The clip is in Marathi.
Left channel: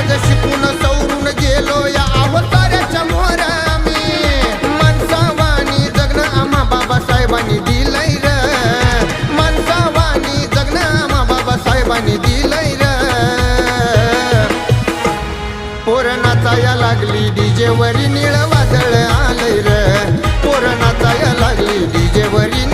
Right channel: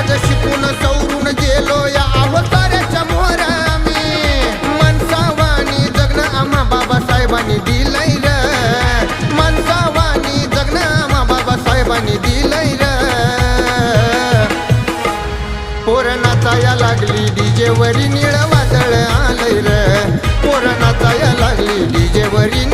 आज शिकून सवरून गेलो या अवताराच्या मोहर आम्ही माणसावानी जगणं आम्हा बाबासाहेबांनी दिलंय र माणसावानी जगणं आम्हा बाबासाहेबांनी दिलंय र पोरं नाचाया लागली डीजे वरी निळ वादळ आलंय र पोरं नाचाया लागली डीजे वरी